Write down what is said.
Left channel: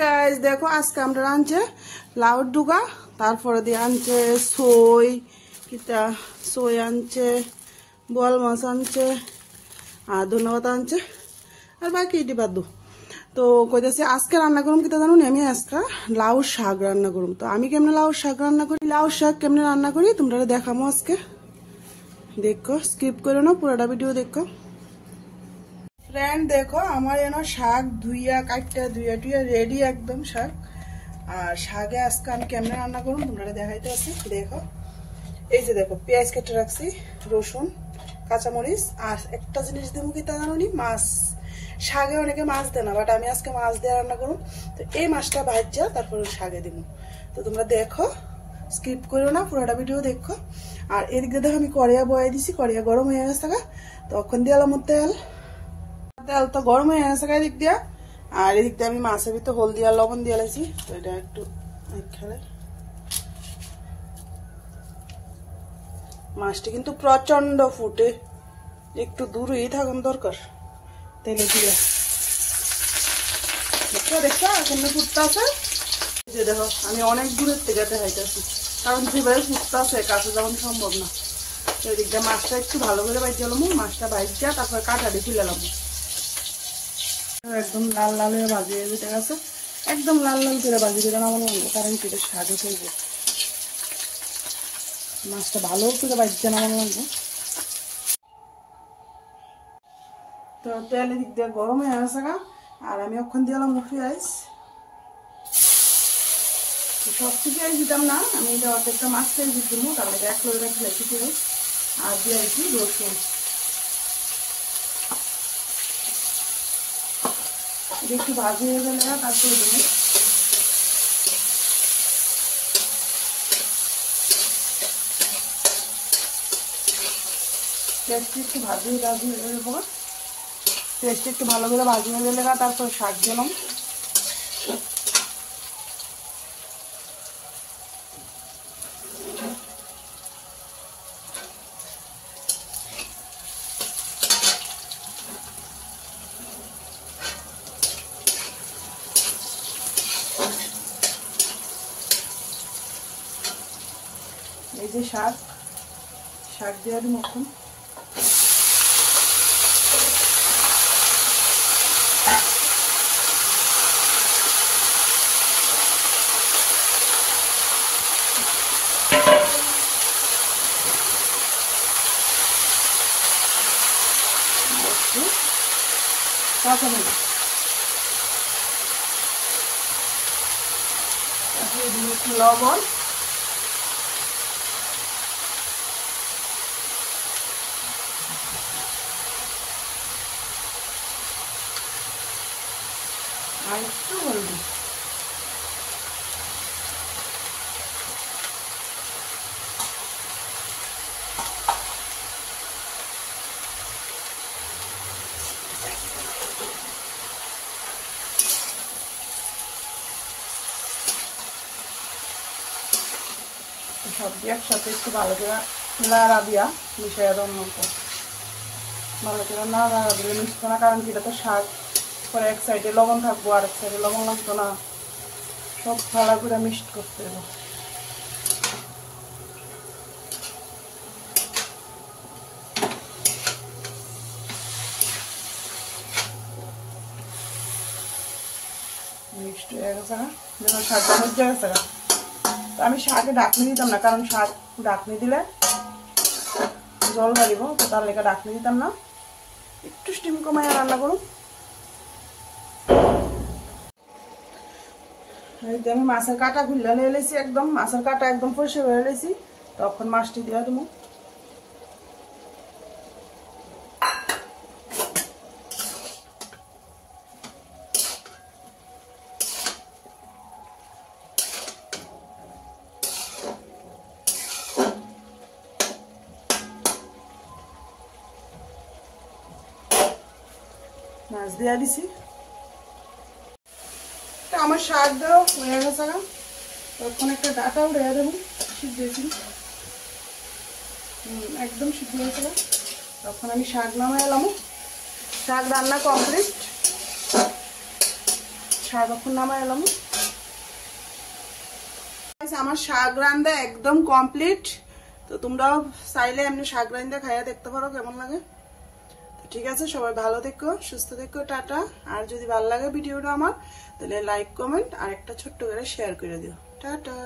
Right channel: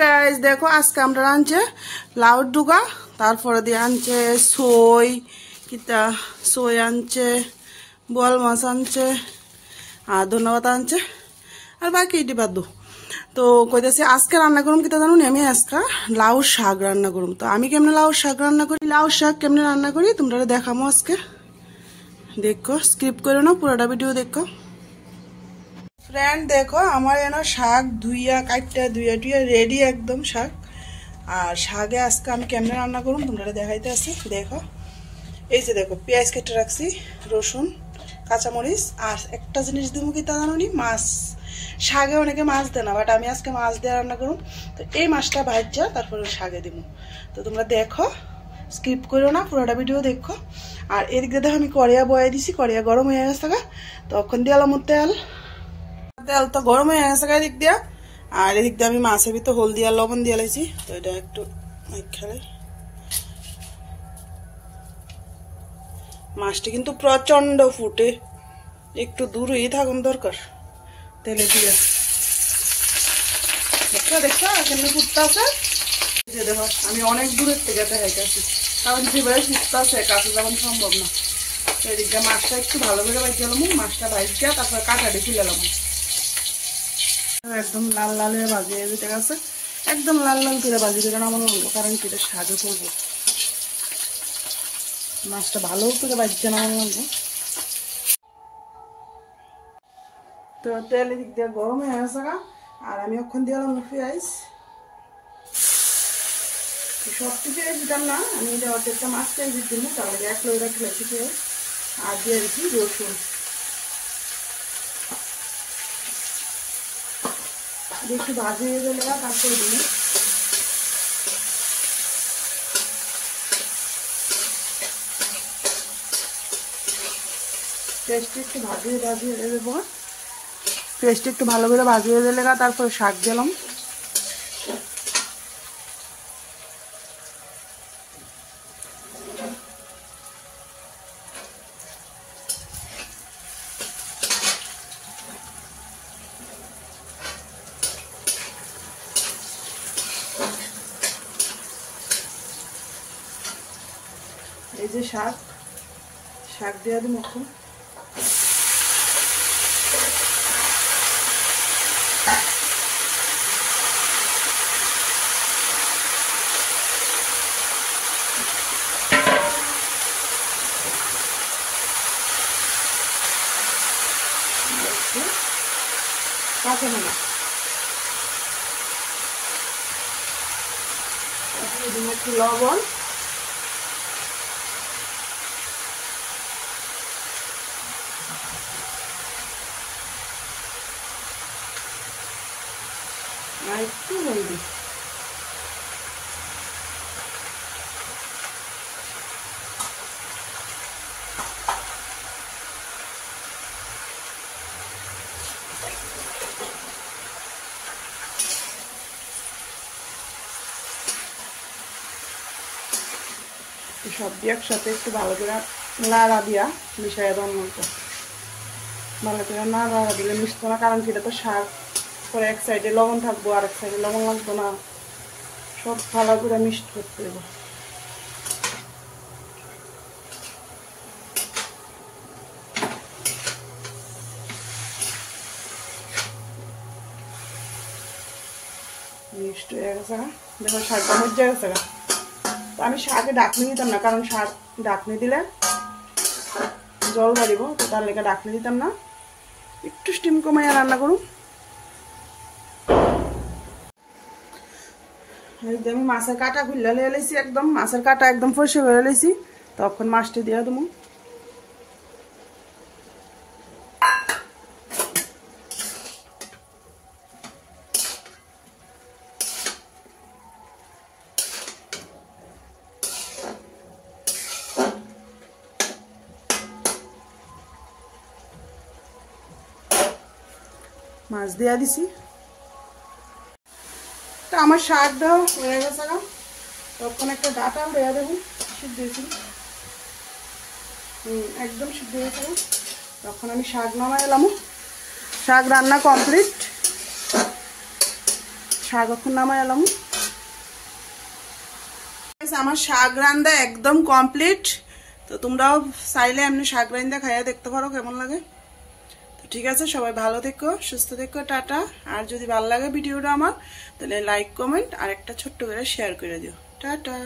Guys দেখো আজকে আমরা আনছে লাউর ডুগা, তারপরে দিয়ে আনছে সই কিতা সই আনছে, বোয়াল মাছ আনছে, আর ধন্যবাদ আনছে, আর বাকি এটি বাদ দু। তো কইতেছি আজকে রান্না করুম কিতা জানুন, আমি আজকে লাউ শাক রান্না করুম। তো আমি কেমনে লাউ শাক রান্না করি, লাউ শাক কেমনে রান্না করি তোমরা দেখামো আজকে। দেখো স্কিপ করো না, পুরোটা ভিডিও দেখো। ফ্রেন্ড দেখো আমার এনে শাক ধুইয়া কাটটা ধুইয়া টুইয়া রেডি একদম শাক। আর শাকে আজকে আমি কেমনে রান্না করুন তোমরা দেখাইতে আসি। দেখো এই যে দেখো পেঁয়াজ কেটে রাখছি, রসুন, কাঁচামরিচ, আর একটা জিনিস দিব কি তা জানো নি, মাছ। শাকে অনেকে মাছ দেয় না, বাট আমি আজকে মাছ দিয়ে রান্না করুন। তো এই মাছটা ভাজা তারপরে শাকে দিব। তো তোমরা দেখো স্কিপ করো না, পুরোটা ভিডিও দেখো। আর এদিকে দেখো আমি কড়িয়া বয়ে দিছি, কড়িয়া গরম হয়ে গেছে, তখন দিয়ে আলাম তেল। তেল তো গরম হয়ে গেছে এদিক দিয়া। আর এদিক দিয়ে আমি মাছের ভিতর হলদি আর লবণ দিয়ে লাইছি। তো এটা একটু খেলে মাছটি কিন্তু প্রচন্ড ফুটে, একটু দূরেই থাকুন দরকার তেলে দিয়া। দেখছো দেখছো কেমনি ফুটতে আছে, যে দেখো আমি অনেক দূরের থেকে দেখাইতেছি, কারণ যেভাবে ফুটতে আছে কাছে যাওয়ান সম্ভব না। এদিক দিয়ে মাছটা একটু ভালো করে বাইজে এলাম, মাছটা বাইজা তারপরে কাঁটাটি খুলে এলাম। একদম লাল লাল হয়ে ভাজিয়ে যেতে গেছে, একদম লাল লাল করে ভাজিয়ে দিলে আমার লাগলো, কারণ কি এটা সাজে করবো। মাছটা ভালো করে ভাজছে না আমার লাগলো। তো তেল এদিক দিয়ে গরম হয়ে গেছে, আর আমি ওখান দিয়ে এলাম পেঁয়াজ। সবটি পেঁয়াজ দিতাম না, আমি এটা অর্ধেকটা মাছ পেঁয়াজ দিব, তারপরে 1 কিলো খেলেছি পেঁয়াজ, আর দিয়ে দিচ্ছি রসুন। একটু ভাজিয়ে দিলে তারপরে দিই পেঁয়াজটা একটু ভাজিয়ে দেবো। পেঁয়াজটা একটু ভালো করে ভাজিয়ে দিলে তারপরে শাক দিলাম। এই যে শাক দিয়ে দিই এখন। কাঁচা মরিচ একটু লবণ, আর একটু হলদি। সব দিয়ে একসাথে একটু ভালো করে নাড়া দিয়া মিশাইয়া দেওয়ার মতো, ভালো করে নাড়া দিলে মিশতো না, কারণ কি এটা তো শাক, পরে এক সাইডে লবণ থাকবো আর এক সাইডে লবণ লাগবো না, সব ভালো করে মিক্সড করতে দেবো। মিক্সড হয়ে গেছে, দেখো শাকটা মজা গেছে। আমি শাকে ঢাকনি দিতাম না, কারণ শাক ঢাকনি দিলে জল বাড়িব, তো তার লেগে ঢাকনি দিতাম না, একটু স্টিম কমাইয়া রান্না করুন। আমি মাছের কাঁটা খুললে লেছি, একদম মাছের কাঁটা একদম পরিষ্কার করে লেছি, তখন মাছটি দিয়ে দেবো। মাছ দিয়ে দিছি, আমার শাক দেওয়া হয়ে গেছে, তখন একটা ডাটা উঠে দেবো, সিদ্ধ দিয়েছি একদম সিদ্ধ হয়ে গেছে। তখন আমি শাক নামাই এলাম, শাক রান্না কমপ্লিট। শাক এখন নামাই এলাম। আমার শাক রান্দা একদম কমপ্লিট। তো তোমরাও চাইলে এমনি শাক রান্দা খাইয়া দেখতে পারো কেমন লাগে। তো ঠিক আছে, সবাই ভালো থেকো, সুস্থ থেকো, টাটা। আর যদি ভালো লাগে ভিডিওটা আমার, তাহলে লাইক কমেন্ট আর একটা ছোট্ট করে শেয়ার করে দিও। টাটা।